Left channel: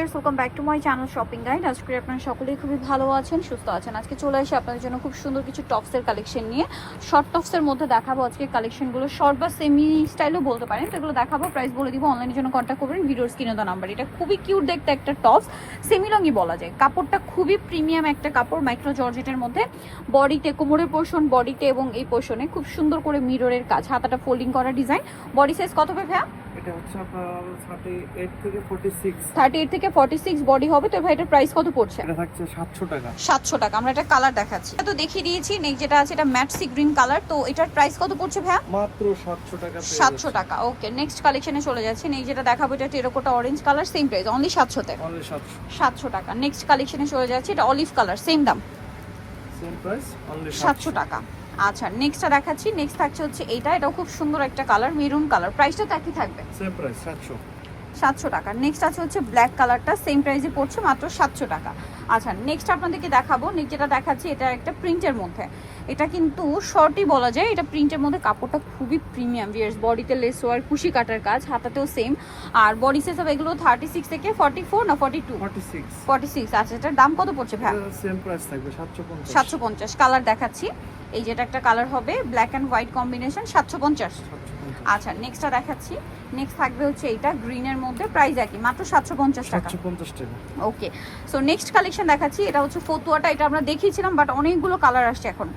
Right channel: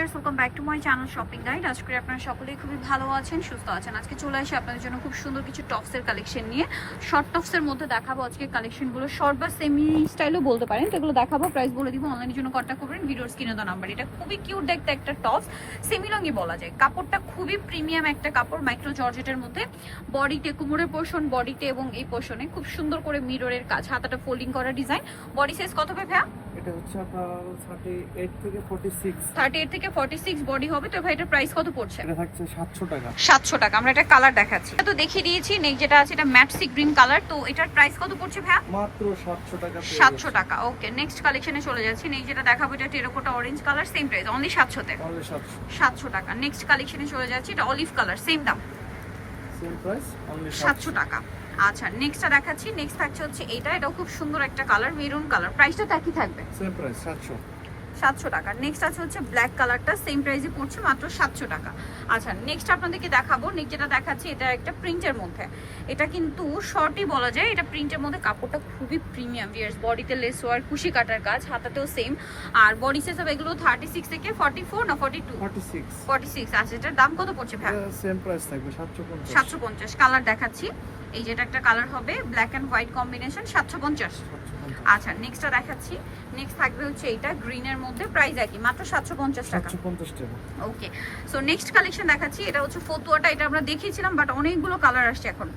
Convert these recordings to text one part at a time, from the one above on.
Viewers, welcome back to my channel shopping guide. আজকে আপনারা সকলেই খুবই ভালো আছেন, সুস্থ আছেন। আজকে চলে আসি আপনাদের জন্য খুব সুন্দর কিছু টপসের কালেকশন নিয়ে। শর্ট টপসের মধ্যে দেখাবো আজকে কালেকশনগুলো, শর্ট বা সেমি স্টাইলও বলতে পারেন। তো এগুলো দেখাবো, প্রাইস বলে দিব। অনলাইনের জন্য কন্ট্যাক্ট করবেন ভিডিওর স্ক্রিনে দেওয়া নাম্বার। এটা খুবই কিউট দেখতে একটা টপস, সেমি রঙই বলা যায়। কাপড়টা খুবই প্রিমিয়াম একটা কাপড়, মাইক্রো জর্জেটের মধ্যে। বডিতে, কোমরের পোর্শন, বডিতে এবং এই পোর্শনে খুব সুন্দর করে মিররের কাজ, হাতাটা ফোল্ডিং করা ডিজাইন। বডি সাইজ কত হবে ভাইয়া? এটা হচ্ছে আপনার 38 থেকে 46। 38 থেকে 46 বডি হবে। তো ভাই এটার প্রাইস কত পড়ছে? এটা থাকছে 700 টাকা। 700 টাকা। আমরা এটা কালার দেখাচ্ছি, এটা তো দেখিয়ে দিয়েছি। নেক্সট যেটা আছে এটা ম্যাট সি গ্রিন কালার। তো এটার প্রাইস কত পড়ছে ভাইয়া? মাত্র 700 টাকা। 700 টাকা। ওকে, নেক্সট কালেকশনে চলে যাচ্ছি। নেক্সট যেটা দেখাবো এটা terracotta orange colour, same price only 700 তে। অনলি 700। 700 টাকা। নেক্সট কালেকশনে চলে যাচ্ছি, এটা অলিভ কালার, সেম দাম, সেম প্রাইস অনলি 700 টাকা। আচ্ছা, নেক্সটটা দেখাচ্ছি। নেক্সট থাকছে হচ্ছে এটাও খুব সুন্দর একটা কালার, মেরুন কালার। প্রাইসটা তো একই থাকবে, সেম প্রাইস 700 টাকা। নেক্সট আছে হচ্ছে ব্ল্যাক কালারটা, সেম প্রাইসে পড়ছে মাত্র 700 টাকা। আচ্ছা, নেক্সট আপনাদেরকে দেখাবো। নেক্সট যেটা দেখাচ্ছি এটা একটা প্রিন্টের মধ্যে। এটা কিন্তু শর্টই বলা যায়। এটা প্রিন্টের মধ্যে, কাপড়টা খুবই প্রিমিয়াম ভিউয়ার্স। বডিতে লেস ওয়ার, কুশি কাটার কাজ, হাতাতেও সেম। আর বডি সাইজ হবে এগুলো 36 থেকে 44 না 42? 46। আচ্ছা, এটার দাম কত পড়ছে ভাই? সেম প্রাইস থাকবে 750। 750। কালার দেখাচ্ছি, এই যেটা একটা কালার হবে ব্ল্যাক এন্ড হোয়াইট কম্বিনেশন, 750। আচ্ছা, নেক্সটটা দেখাচ্ছি। নেক্সট থাকবে হচ্ছে এটা গ্রিনের মধ্যে, প্রাইস একই, মাত্র 750 টাকা। 750 টাকা। ওকে, সো নেক্সট কালেকশন দেখাচ্ছি। এটা হচ্ছে ফতুয়াটা, এটা আমরা দেখিয়েছিলাম বাট অনেকগুলো কালার আসছে এখন।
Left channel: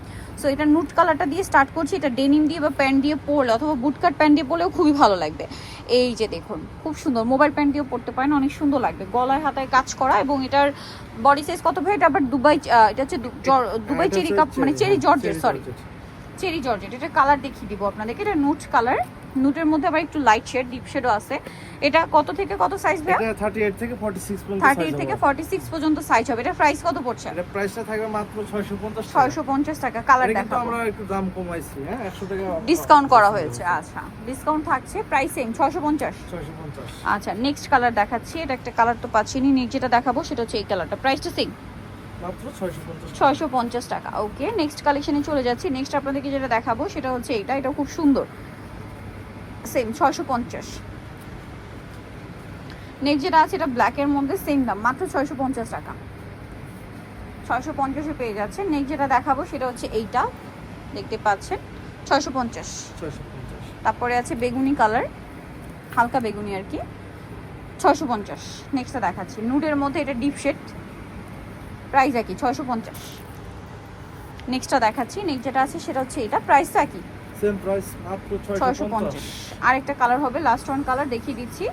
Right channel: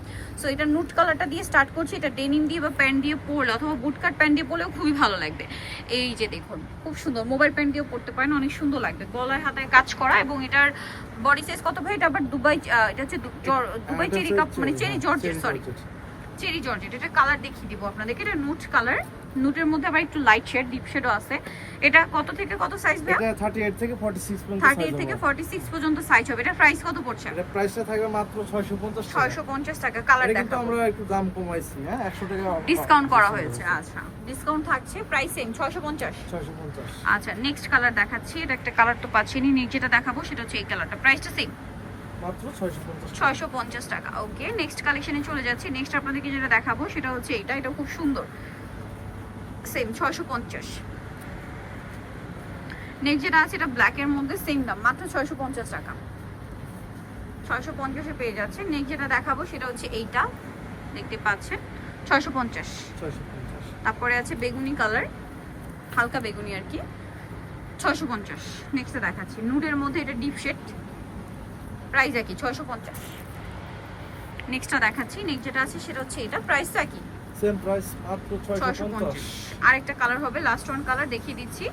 সো এটা নুট কালারটা দিয়ে স্টার্ট করছি। এটা ডেনিম দিয়ে বা প্যান্ট দিয়ে পরলে অথবা বুটকাট প্যান্ট দিয়ে পরলেও খুবই ভালো লাগবে। এই যে দেখুন, খুব সুন্দর। মোবাইল প্যান্ট দিয়েও পরতে পারেন, অনেক সুন্দর লাগবে। গলায় হাতায় কাজ করা, এবং এটার বডি সাইজ কত ভাই? এটা আবার দুবাই, এটা হচ্ছে দুবাই চেরি কাপ, মানে cherry georgette, sorry cherry georgette. এটা কালার দেখিয়ে দিব আপনাদেরকে। এটা নুট কালার, নুটের মধ্যে আবার একটু লাইট শেড, ডিপ শেডও আছে। এটা কত থেকে কত সাইজ ভাই? এটা 38 থেকে 46 পর্যন্ত সাইজ হবে। 38 থেকে 46 পর্যন্ত সাইজ হবে। এটা প্রাইস কত পড়ছে? এটা প্রাইসটা থাকবে মাত্র 650 টাকা। 650 টাকা। কালার এটা কিন্তু আমরা একটু দাম কমাইছি, হ্যাঁ, 100 টাকা ডিসকাউন্ট করা হয়েছে। আচ্ছা, ডিসকাউন্ট থাকছে, প্রাইস সেম 650। 650। আচ্ছা, নেক্সট কালার দেখাচ্ছি। এটা একটা কালার তো পাচ্ছেনই। নেক্সট যেটা দেখাবো সেটা হচ্ছে এই কালারটা, প্রাইসটা সেম, মাত্র 650। 650 টাকা। ওকে, নেক্সট কালেকশনে চলে যাচ্ছি। নেক্সট আপনাদেরকে যেটা দেখাবো সেটা হচ্ছে এটা খুব সুন্দর, সেম 650। নেক্সট যেটা আছে এটা ব্ল্যাকের মধ্যে, সেম দাম, মাত্র 650 টাকা। 650-এ পেয়ে যাচ্ছে। নেক্সট যেটা দেখাবো সেটা হচ্ছে এইটা, দেখতে পাচ্ছেন, 650। তারপরে আছে বেগুনি কালার, হালকা বেগুনি আর কি, 650। নেক্সটটা দেখাচ্ছি নুডের মধ্যে, এটা ডিপ শেড, প্রাইস একই, 650। নেক্সটটা দেখাচ্ছি। নেক্সট যেটা আছে সেটা হচ্ছে এটা, প্রাইস তো একই, সেম প্রাইস, মাত্র 650। আরেকটা কালার হবে, লাস্ট ওয়ান কালার দেখিয়ে দিচ্ছি।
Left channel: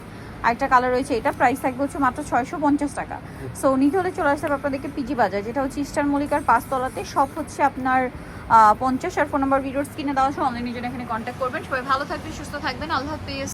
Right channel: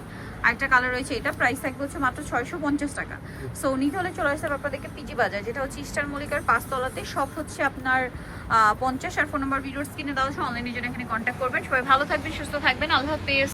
আরেকটা কালার রয়েছে, এটা প্রাইস থাকবে হচ্ছে মাত্র 650 টাকা। সো নিতে হলে চলে আসতে হবে আপনাদেরকে পিজি বাজার, যেটা হচ্ছে ইস্টার মল্লিকার 5 তলাতে। সব হচ্ছে আপনার 50। আর ফোন নাম্বার ভিডিওর স্ক্রিনে দেওয়া আছে। অনলাইনে জন্য এখানে কন্ট্যাক্ট করবেন। সবাই ভালো থাকবেন, সুস্থ থাকবেন। আল্লাহ হাফেজ।